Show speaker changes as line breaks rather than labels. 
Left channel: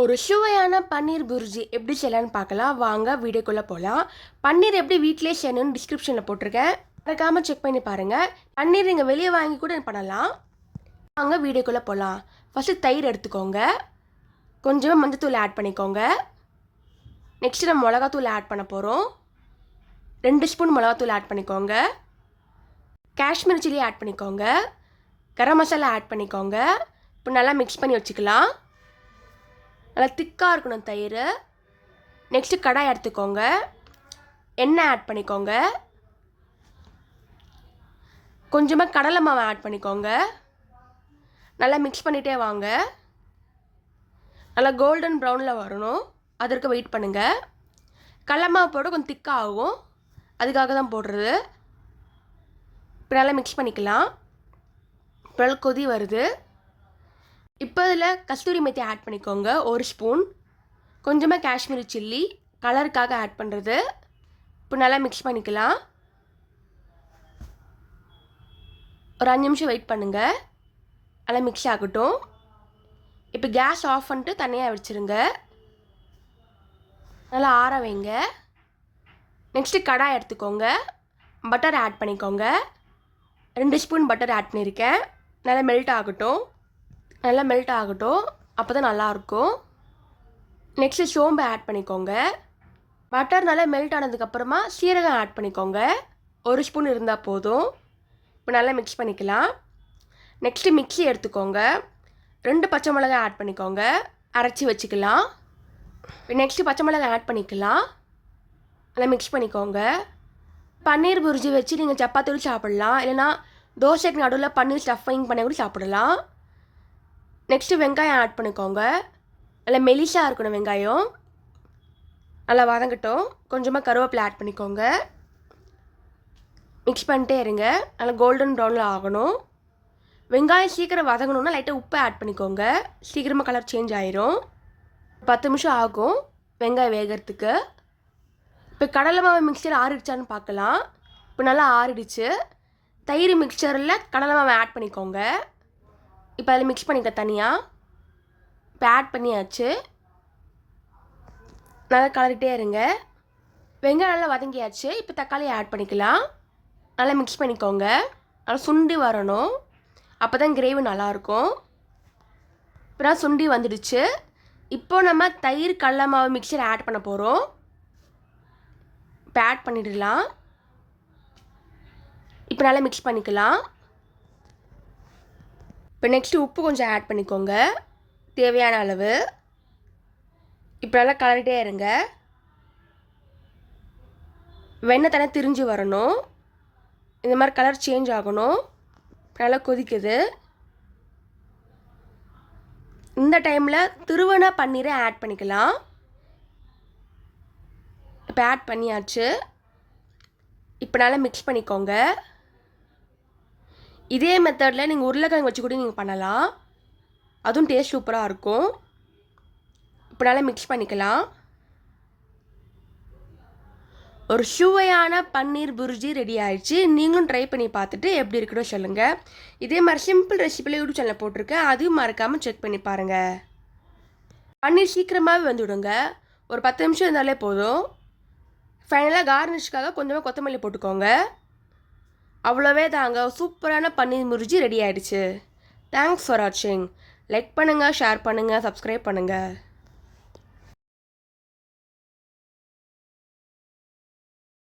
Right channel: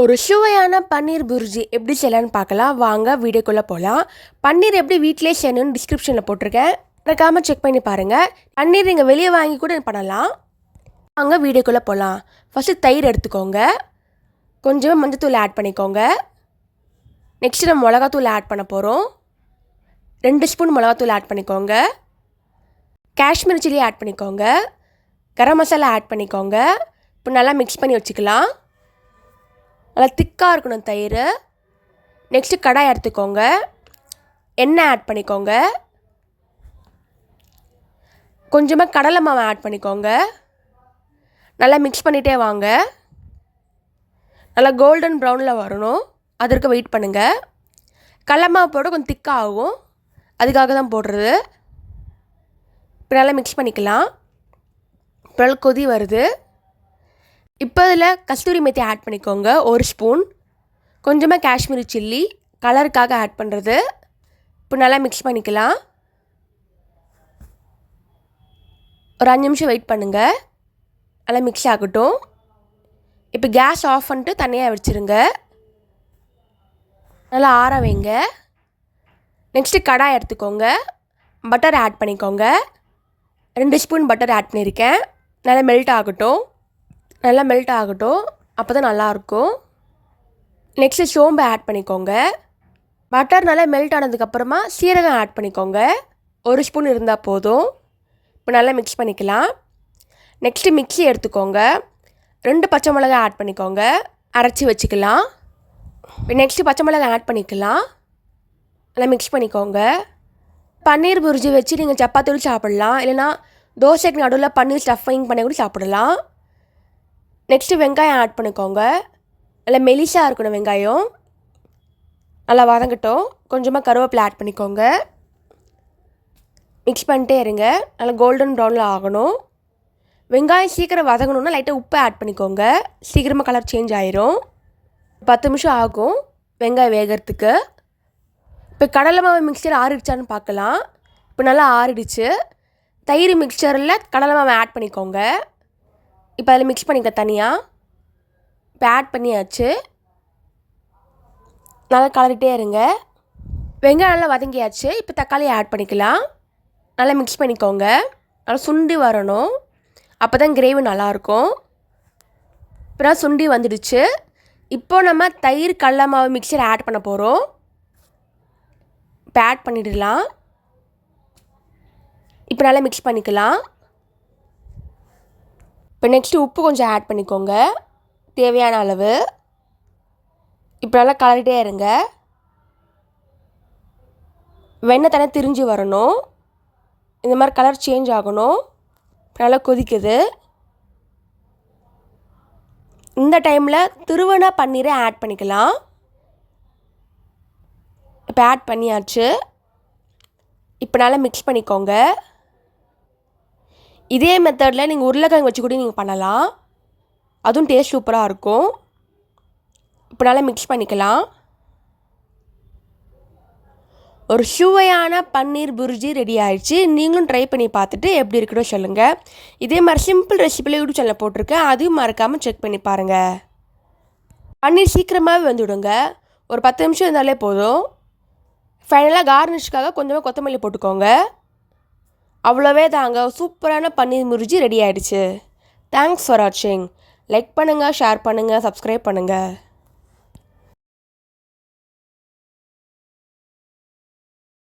ஒரு சுவையான பன்னீர் புர்ஜி எப்படி செய்யலான்னு பார்க்கலாம். வாங்க வீடியோக்குள்ளே போகலாம் பன்னீர் எப்படி வீட்டிலே செய்யணும்னு டிஸ்கிரிப்ஷனில் போட்டிருக்கேன். மறக்காமல் செக் பண்ணி பாருங்கள் பன்னீர் நீங்கள் வெளியே வாங்கி கூட பண்ணலாம். வாங்க வீடியோக்குள்ளே போகலாம் ஃபஸ்ட்டு தயிர் எடுத்துக்கோங்க. கொஞ்சமாக மஞ்சத்தூள் ஆட் பண்ணிக்கோங்க. நெக்ஸ்ட்டு நம்ம மிளகாத்தூள் ஆட் பண்ண போகிறோம் ரெண்டு ஸ்பூன் மிளகாத்தூள் ஆட் பண்ணிக்கோங்க. காஷ்மீர் சில்லி ஆட் பண்ணிக்கோங்க. கரம் மசாலா ஆட் பண்ணிக்கோங்க. இப்போ நல்லா மிக்ஸ் பண்ணி வச்சுக்கலாம். நல்லா திக்காக இருக்கணும் தயிர். நெக்ஸ்ட்டு கடாய் எடுத்துக்கோங்க. எண்ணெய் ஆட் பண்ணிக்கோங்க. கொஞ்சமாக கடலை மாவு ஆட் பண்ணிக்கோங்க. நல்லா மிக்ஸ் பண்ணிகிட்டே வாங்க. நல்லா கோல்டன் ப்ரௌனில் வரணும். அதற்கு வெயிட் பண்ணுங்கள் கடலை மாவு போட கொஞ்சம் திக்காக ஆகும். அதுக்காக தான் போடுறது. இப்போ நல்லா மிக்ஸ் பண்ணிக்கலாம். இப்போ கொதி வருது. இப்போ இதில் கஸ்தூரி மெத்தி ஆட் பண்ணிக்கோங்க. ஒரு ஸ்பூன் கொஞ்சமாக காஷ்மீரி சில்லி. கலருக்காக ஆட் பண்ணுறது இப்போ நல்லா மிக்ஸ் பண்ணிக்கலாம். ஒரு அஞ்சு நிமிஷம் வெயிட் பண்ணுங்கள் நல்லா மிக்ஸ் ஆகட்டும். இப்போ கேஸ் ஆஃப் பண்ணிட்டு தனியாக வச்சுருங்க நல்லா ஆற வைங்க. நெக்ஸ்ட்டு கடாய் எடுத்துக்கோங்க. பட்டர் ஆட் பண்ணிக்கோங்க. ரெண்டு ஸ்பூன் பட்டர் ஆட் பண்ணியிருக்கேன். நல்லா மெல்ட் ஆகட்டும். நல்லா மெல்ட் ஆகட்டும். அப்போ தான் நல்லாயிருக்கும். நெக்ஸ்ட்டு சோம்பு ஆட் பண்ணிக்கோங்க. பட்டர் நல்லா மெல்ட் ஆனதுக்கப்புறமா சீரகம் ஆட் பண்ணிக்கோங்க. ஒரு ஸ்பூன் இருந்தால் போதும். இப்போ நல்லா மிக்ஸ் பண்ணிக்கலாம். நெக்ஸ்ட்டு மிக்ஸி எடுத்துக்கோங்க. ரெண்டு பச்சை மிளகாய் ஆட் பண்ணிக்கோங்க. அரைச்சி வச்சுக்கலாம். நெக்ஸ்ட்டு பச்சை மிளகாய் ஆட் பண்ணிக்கலாம். நல்லா மிக்ஸ் பண்ணிக்கோங்க. பன்னீர் புரிஜி வச்சு நீங்கள் சப்பாத்தியோடு சாப்பிட்லாம். இல்லைனா தோசைக்கு நடுவில் பன்னீர் ஸ்டஃபிங் பண்ணி கூட சாப்பிடலாம். நெக்ஸ்ட்டு வெங்காயம் ஆட் பண்ணிக்கோங்க. நல்லா மெலிசாக இருக்கணும் வெங்காயம். நல்லா வதங்கட்டும். கொஞ்சமாக கருவேப்பிலை ஆட் பண்ணிக்கோங்க. மிக்ஸ் பண்ணிட்டே இருங்க. நல்லா கோல்டன் ப்ரௌனில் ஆகணும். வெங்காயம் சீக்கிரம் வதங்கணுன்னா லைட்டாக உப்பை ஆட் பண்ணிக்கோங்க. சீக்கிரமாக கலர் சேஞ்ச் ஆயிரும். பத்து நிமிஷம் ஆகும் வெங்காயம் வேகிறதுக்கு. இப்போ கடலை மாவு மிக்சர் ஆறிடுச்சான்னு பார்க்கலாம். இப்போ நல்லா ஆறிடுச்சு. தயிர் மிக்சரில் கடலை மாவை ஆட் பண்ணிக்கோங்க. இப்போ அதில் மிக்ஸ் பண்ணிக்க தனியாக இப்போ ஆட் பண்ணியாச்சு. நல்லா கலரிட்டே இருங்க. வெங்காயம் நல்லா வதங்கியாச்சு. இப்போ தக்காளி ஆட் பண்ணிக்கலாம். நல்லா மிக்ஸ் பண்ணிக்கோங்க. நல்லா சுண்டி வரணும். அப்போ தான் கிரேவி நல்லாயிருக்கும். இப்போ சுண்டி வந்துடுச்சு. இப்போ நம்ம தயிர் கடல மாவு மிக்சர் ஆட் பண்ண போகிறோம் இப்போ ஆட் பண்ணிடலாம். இப்போ நல்லா மிக்ஸ் பண்ணிக்கலாம். இப்போ நெக்ஸ்ட்டு உப்பு கொஞ்சம் ஆட் பண்ணிக்கோங்க. தேவையான அளவு. இப்போ நல்லா கலரிட்டே இருங்க. வெண்ணெய் தானே திரிஞ்சு வரணும். இந்த மாதிரி கலர் சேஞ்ச் ஆகணும். நல்லா கொதிக்குது. இந்த டைமில் திருவண்ணா பன்னீரை ஆட் பண்ணிக்கலாம். இப்போ ஆட் பண்ணியாச்சு. இப்போ நல்லா மிக்ஸ் பண்ணிக்கோங்க. இதே மெத்தடில் நீங்கள் உருளைக்கிழங்கு வச்சு கூட நீங்கள் பண்ணலாம். அதுவும் டேஸ்ட் சூப்பராக இருக்கும். இப்போ நல்லா மிக்ஸ் பண்ணிக்கலாம். ஒரு சுவையான பன்னீர் புரிஜி ரெடி ஆயிடுச்சு. நீங்களும் ட்ரை பண்ணி பார்த்துட்டு எப்படி இருக்குதோ சொல்லுங்கள் இதே மாதிரி சிம்பிள் ரெசிபியில் யூடியூப் சேனலில் போட்டிருக்கேன். அதையும் மறக்காமல் செக் பண்ணி பாருங்கள் பன்னீர் சீக்கிரமாகவே வந்துவிடுங்க ஒரு பத்து நிமிஷம் இருந்தாலே போதும். ஃபைனலாக கார்னிஷ்க்காக கொஞ்சமாக கொத்தமல்லி போட்டுக்கோங்க. அவ்வளோவே தாங்க. சூப்பரான பன்னீர் முறிஞ்சி ரெடி ஆகிடுச்சு தேங்க்ஸ் ஃபார் வாட்சிங் லைக் பண்ணுங்கள் ஷேர் பண்ணுங்கள் சப்ஸ்கிரைப் பண்ணுங்கள்